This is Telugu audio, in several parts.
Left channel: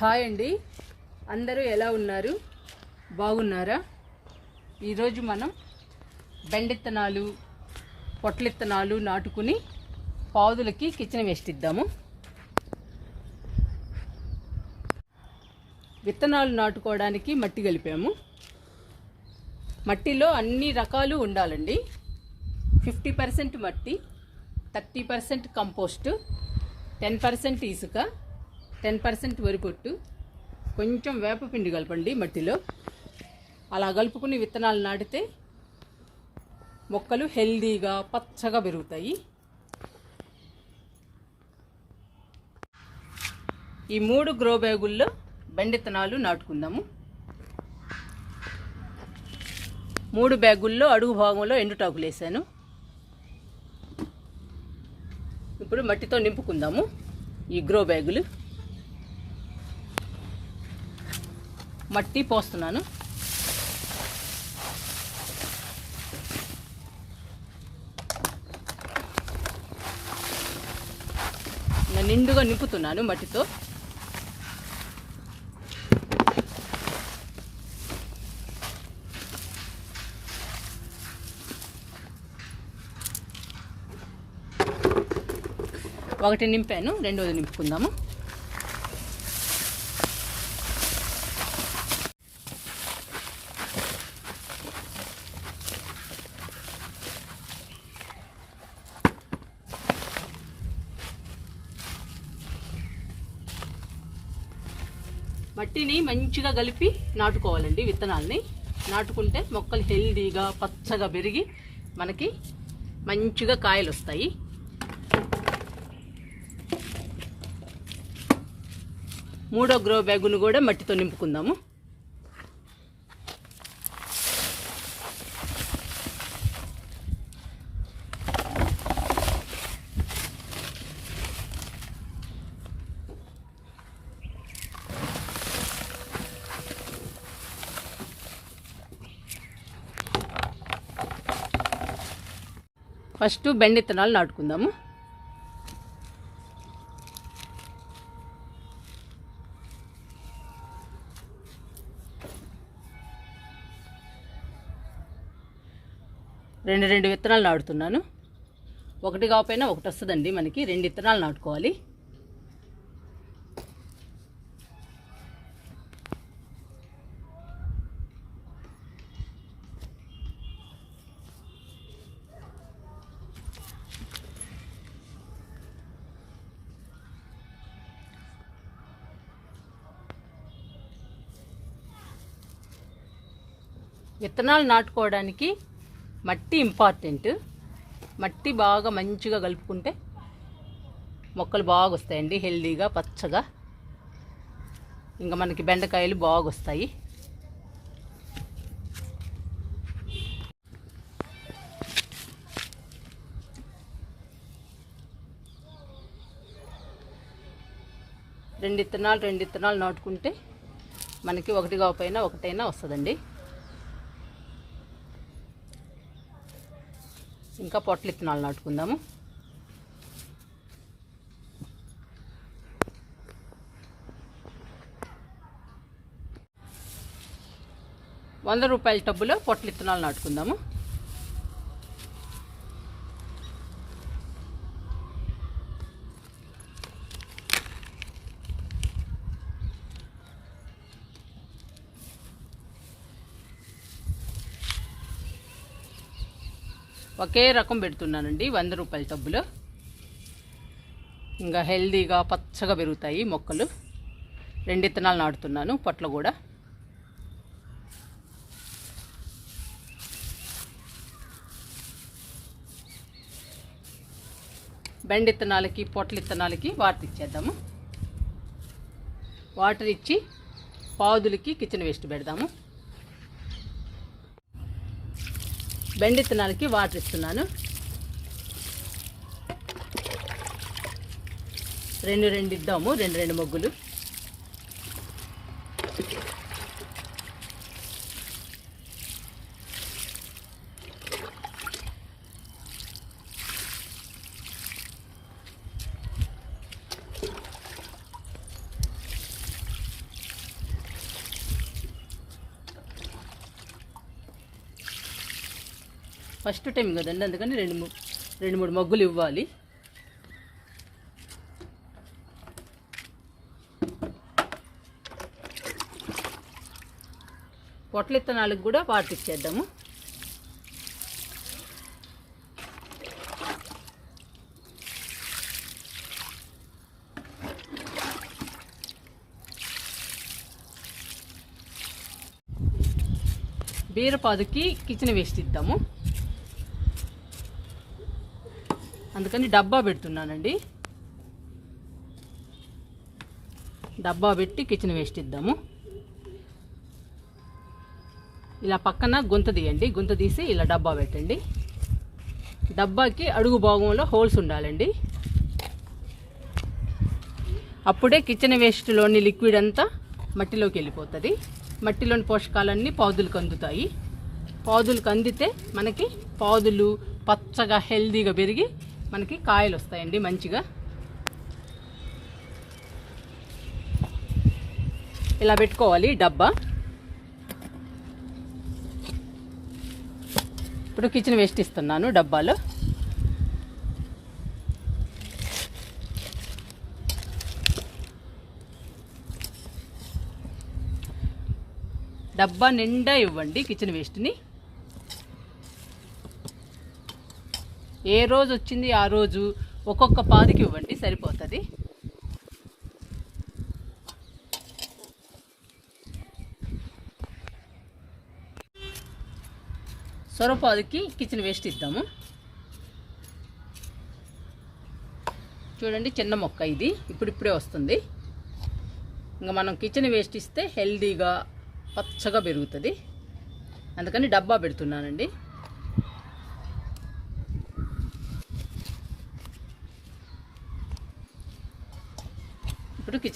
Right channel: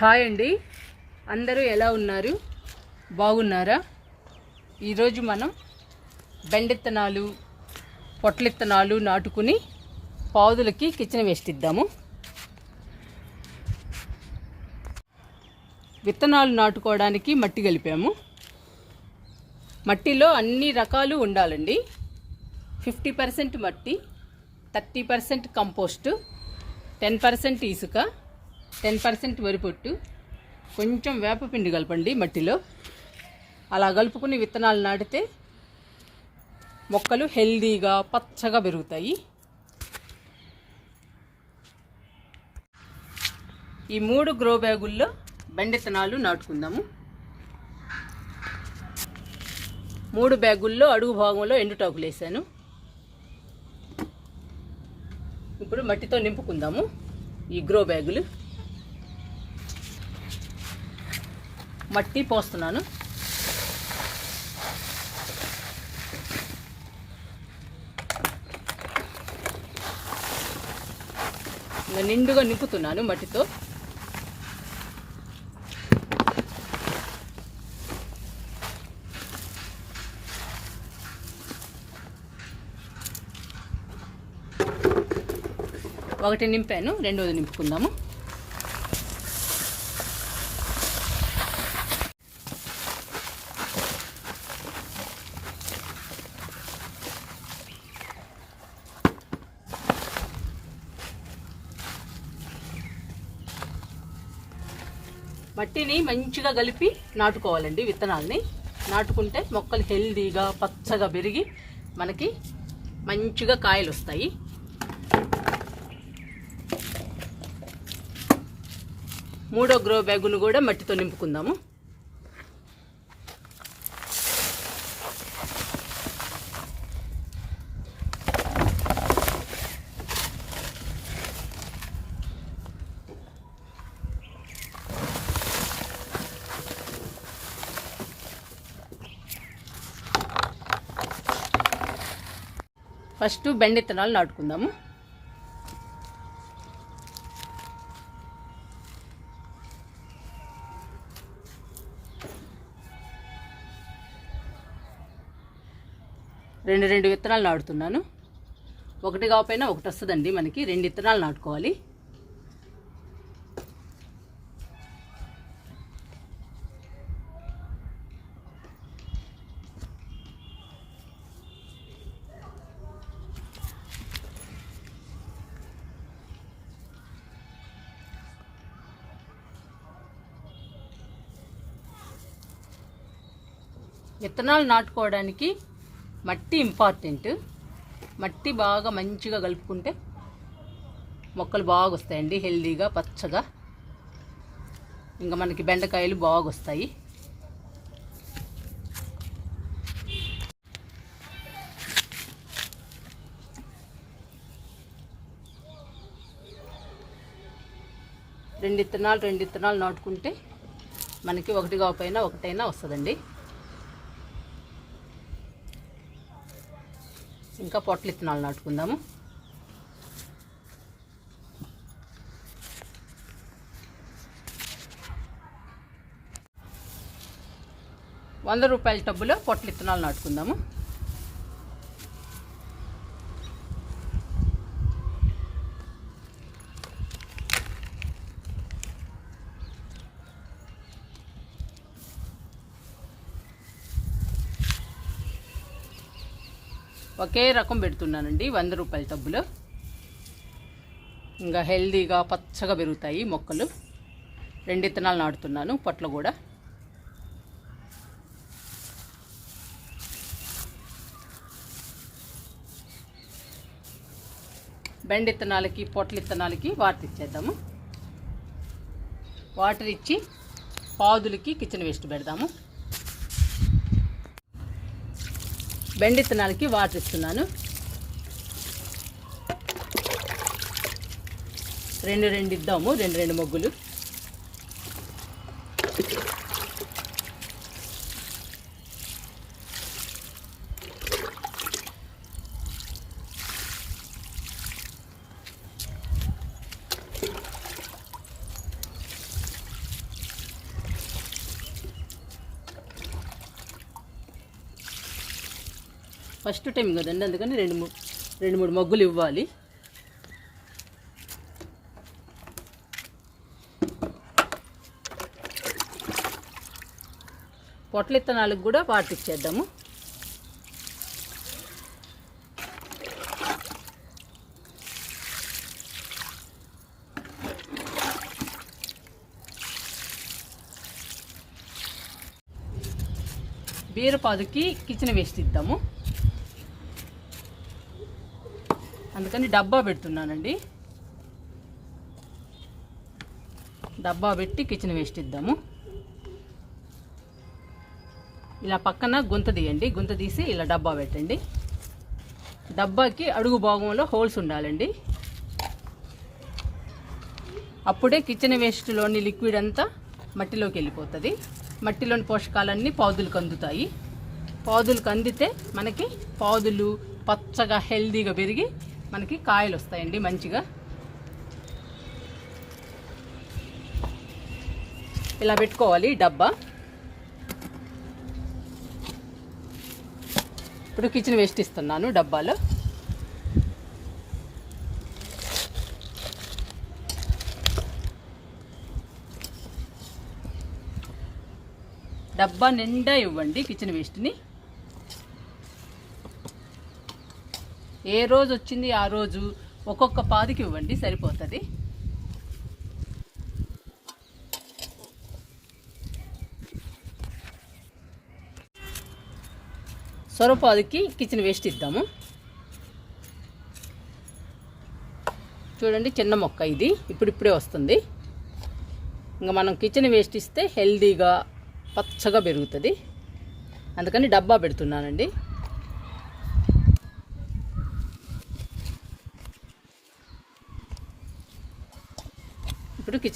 హాయ్ అండి. అందరూ ఎలా ఉన్నారు? బాగున్నారా? ఈరోజు మనం బెండిత్తనాలు పొట్లిత్తనాలు నాటుకుని పాదులకి కిచెన్ వేస్ట్ ఇద్దాము విత్తనాలు నాటుకోవడానికి మట్టి కలిపాము. మట్టిలో అన్ని రకాలు ఉండాలండి. ఫిఫ్టీ పర్సెంట్ మట్టి thirty percent compost ten percent ఇసుక టెన్ పర్సెంట్ వరిపొట్టు కొంచెం వేపపిండి కలపండి మట్టిలో. అలా కలుపుకుని విత్తనాలు నాటితే మొక్కలు హెల్దీగా పచ్చగా పెరుగుతాయి. ఈ మూడు గ్రో బ్యాగుల్లో బెండిత్తనాలు నాటుకుందాము. మూడు బ్యాగుల్లో అడుగు భాగంలో ఎండుటాకులు వేసాను. ఇప్పుడు మట్టితో నింపుకుందాము ఈ గ్రో బ్యాగులు మట్టి పోస్తున్నాను. నిండుగా నింపుతున్నాను మట్టితో. ఒకటి నింపాను రెండోది నింపుకుందాము. మట్టిని మంచిగా కలిపి నాటుకోవాలండి విత్తనాలని. నాటుకుంటే మొక్కలు హెల్దీగా పచ్చగా పెరిగి మనకి మంచిగా కాయలు వస్తాయి మూడో గ్రో బ్యాగును కూడా మట్టితో నింపుకుందాము. ఫస్ట్ బెండ విత్తనాలు నాటుకుందాము. రెండు రెండు విత్తనాలు నాటుతున్నాను. ఒకటి కాకపోయినా ఒకటి వస్తుందండి మనకి. రెండు విత్తనాలు నాటుకోవాలి. విత్తనాలు నాటుకోవడానికి మట్టి ఇంపార్టెంట్ మట్టి బాగా మంచిగా కలుపుకుంటే మొక్కలు బాగా వస్తాయండి హెల్దీగా పచ్చగా. ఇంకా మనకి బెండకాయలు బాగా వస్తాయి రెండు విత్తనాలు రెండు విత్తనాలు నాటుకుంటే మనకి ఒకటి కాకపోయినా ఒకటైనా వస్తుందండి. ఇంకా పొట్ల విత్తనాలు నాటుకుందాము. వంద రూపాయల టబ్బులో పొట్ల విత్తనాలు నాటుకుందాము. ఒకే రకం పెడుతున్నానండి వంద రూపాయల టబ్బులో. ఇంకా హెల్దీగా పచ్చగా పెరుగుతాయి మొక్కలు. రెండు విత్తనాలు నాటుతున్నాను పొట్లు కూడా. బెండ ఇత్తనాలకి పొట్ల ఇత్తనాలకి వాటర్ ఇచ్చేద్దాము. వాటర్ ఇచ్చి పాదులకి కిచెన్ వేస్ట్ పెడదాము. బెండ విత్తనాలకి వాటర్ ఇస్తున్నాను రెండు రెండు ఇద్దాము రెండు రెండు మొగ్గులు. ఫస్ట్ టైం కదండి అందుకని రెండు మూడు రెండు మూడు మగ్గులు ఇవ్వాలి. పొట్ల ఇత్తనాలకు కూడా వాటర్ బీరపాదుకి కిచెన్ వేస్ట్ ఇద్దాము. అందుకని డబ్బా పెడుతున్నానండి. డబ్బా పెట్టి కిచెన్ వేస్ట్ ఇద్దాము. ఇలా పక్కన గుంత తీయండి. గుంత తీసి ఇలా డబ్బా పెట్టండి. డబ్బాకి అడుగు భాగంలో హోల్స్ ఉండాలండి. అప్పుడే కిచెన్ వేస్ట్లోని లిక్విడ్ అంతా మట్టిలోకి వెళ్ళిపోతుంది. మట్టిలోని పోషకాలన్నీ పాదులకు అందుతాయి. పాదులకు అందితే మనకి పాదులు పచ్చగా హెల్దీగా పెరిగి మనకి కాయలు వస్తాయండి మంచిగా. ఇలా పెట్టుకోవాలి డబ్బా. ఇప్పుడు కిచెన్ వేస్ట్ ఇస్తున్నాను డబ్బాలో. డబ్బా నిండా ఇవ్వండి కిచెన్ వేస్ట్ని ఏ రోజు వచ్చింది ఆ రోజు ఒక్కొక్క పాదికి ఇవ్వండి సరిపోతుంది. సొరపాదికి కిచెన్ వేస్ట్ ఇద్దాము. చూడండి చిన్న మొక్క ఇది ఇప్పుడిప్పుడే వస్తుంది. ఇంకా మనం కిచెన్ వేస్ట్ ఇస్తే హెల్దీగా పచ్చగా పెరుగుతుంది. అందుకని డబ్బా పెడుతున్నానండి.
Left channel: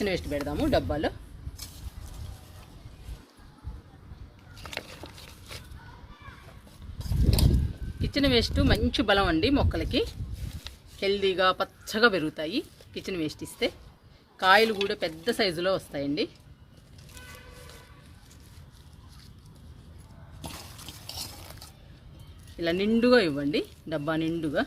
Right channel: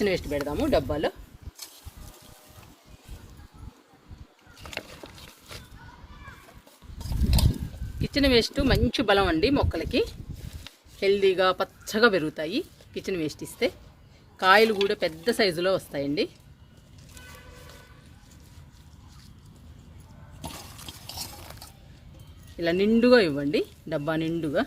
ఇప్పుడు వేస్ట్ పెడదాము డబ్బాలో. కిచెన్ వేస్ట్ మంచి బలం అండి మొక్కలకి. హెల్దీగా పచ్చగా పెరుగుతాయి. కిచెన్ వేస్ట్ ఇస్తే కాయలు కూడా పెద్ద సైజులో వస్తాయండి. ఇలా నిండుగా ఇవ్వండి డబ్బా నిండుగా.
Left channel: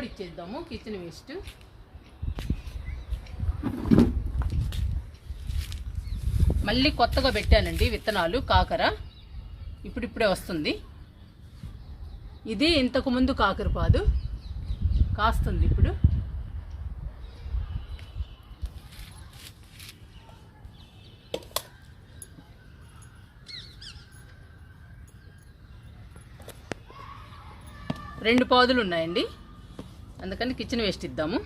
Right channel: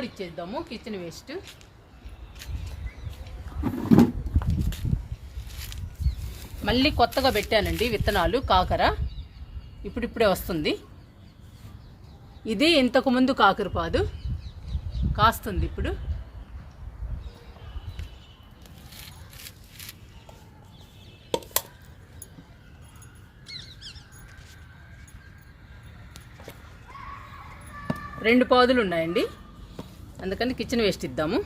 కూడా ఇచ్చేద్దాము కిచెన్ వేస్ట్ మళ్ళీ కొత్తగా పెట్టానండి విత్తనాలు కాకర. ఇప్పుడిప్పుడే వస్తుంది. ఇది ఇంతకుముందు కాకరపాదు కాస్తుంది ఇప్పుడు. రెండు పాదులు ఉన్నాయండి. అందుకని కిచెన్ వేస్ట్ ఇద్దాము.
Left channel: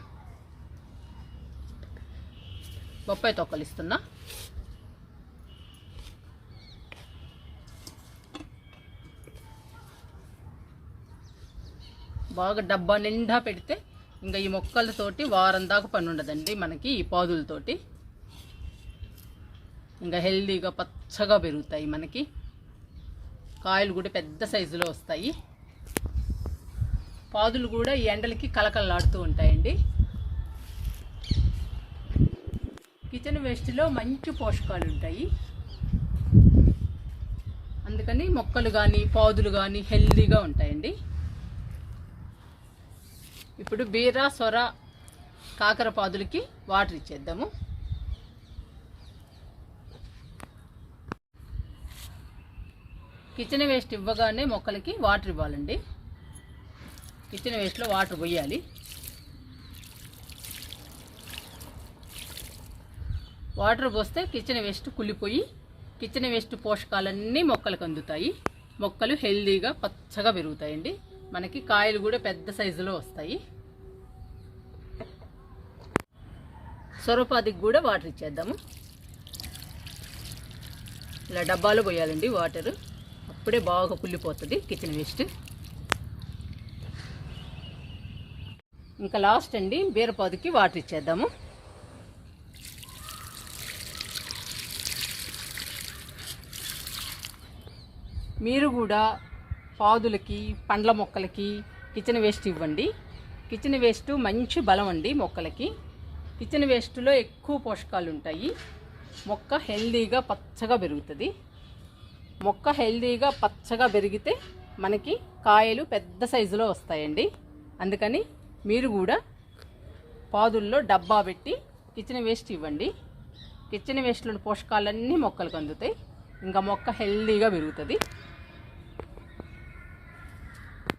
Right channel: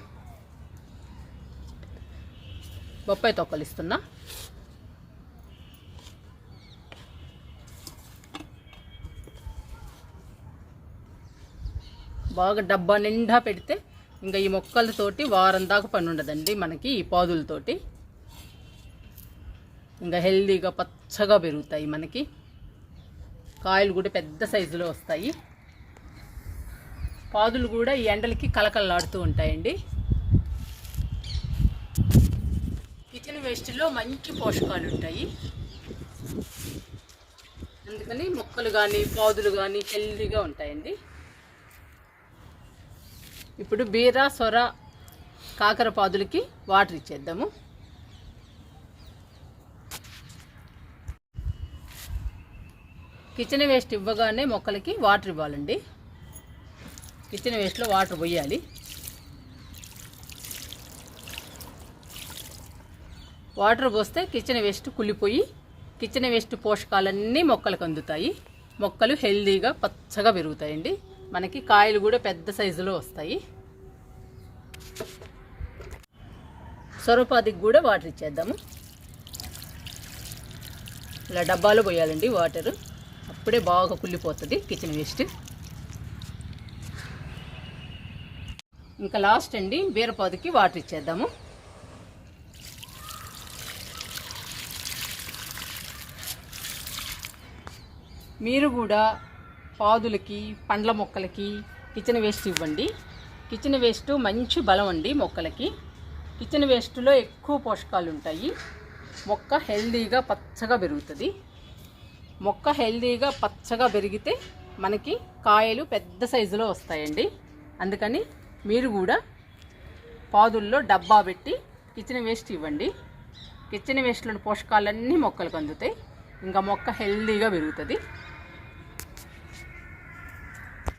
బొప్పాయి తొక్కలు ఇస్తున్నా. బాగా డబ్బా నిండా పెడితే ఇంకా ఈ మొక్కలతోటి వారం దాకా పని ఉండదండి మనకి ఈ పాదులతోటి. ఇంకా హెల్దీగా పచ్చగా పెరుగుతాయి మనకి. కాయలు కూడా పెద్ద సైజులో వస్తాయి. పాదులు కూడా ఈ ఎండలకి కలకలలాడుతూ ఉంటాయండి. కిచెన్ వేస్ట్లో మంచి పోషకాలు ఉంటాయి. అందుకని మొక్కలు కానీ పాదులు కానీ హెల్దీగా ఉంటాయండి. ఇప్పుడు బీర సొర కాకర పాదులకి వాటర్ ఇచ్చేద్దాము. కిచెన్ వేస్ట్ ఇవ్వగానే మొక్కలకి వాటర్ ఇవ్వాలండి. కిచెన్ వేస్ట్లో వాటర్ పోయాలి. వాటర్ పోస్తే కిచెన్ వేస్ట్ కుళ్ళిపోయి కిచెన్ వేస్ట్ పోషకాలన్నీ మొక్కలకు అందుతాయి. మొక్కలు హెల్దీగా పచ్చగా పెరుగుతాయండి. మనకి కాయలు కూడా పెద్ద సైజులో వస్తాయి. సొరపాదికి కూడా వాటర్ ఇచ్చేద్దాము. ఇలా డబ్బాలో పోయాలండి వాటర్. అప్పుడే బాగా కుళ్ళిపోతుంది కిచెన్ వేస్ట్. ఇంకా లాస్ట్ అండి బీరపాదుకి వాటర్ ఇచ్చేద్దాము. మీరు కూడా పాదులకి పండ్ల మొక్కలకి కిచెన్ వేస్ట్ ఇవ్వండి. కిచెన్ వేస్ట్ మంచి బలం అండి మొక్కలకి. కిచెన్ వేస్ట్లో ఎక్కువ పోషకాలు ఉంటాయి. మొక్క హెల్దీగా పచ్చగా పెరుగుతుంది. మొక్క హెల్దీగా పచ్చగా పెరిగితే మనకి కాయలు పెద్ద సైజులో వస్తాయండి. అందుకని మీరు కూడా పాదుల్లో డబ్బా పెట్టి కిచెన్ వేస్ట్ ఇవ్వండి. కిచెన్ వేస్ట్లోని పోషకాలన్నీ మొక్కలకు అందుతాయి. ఇంకా మొక్క హెల్దీగా పెరుగుతుంది.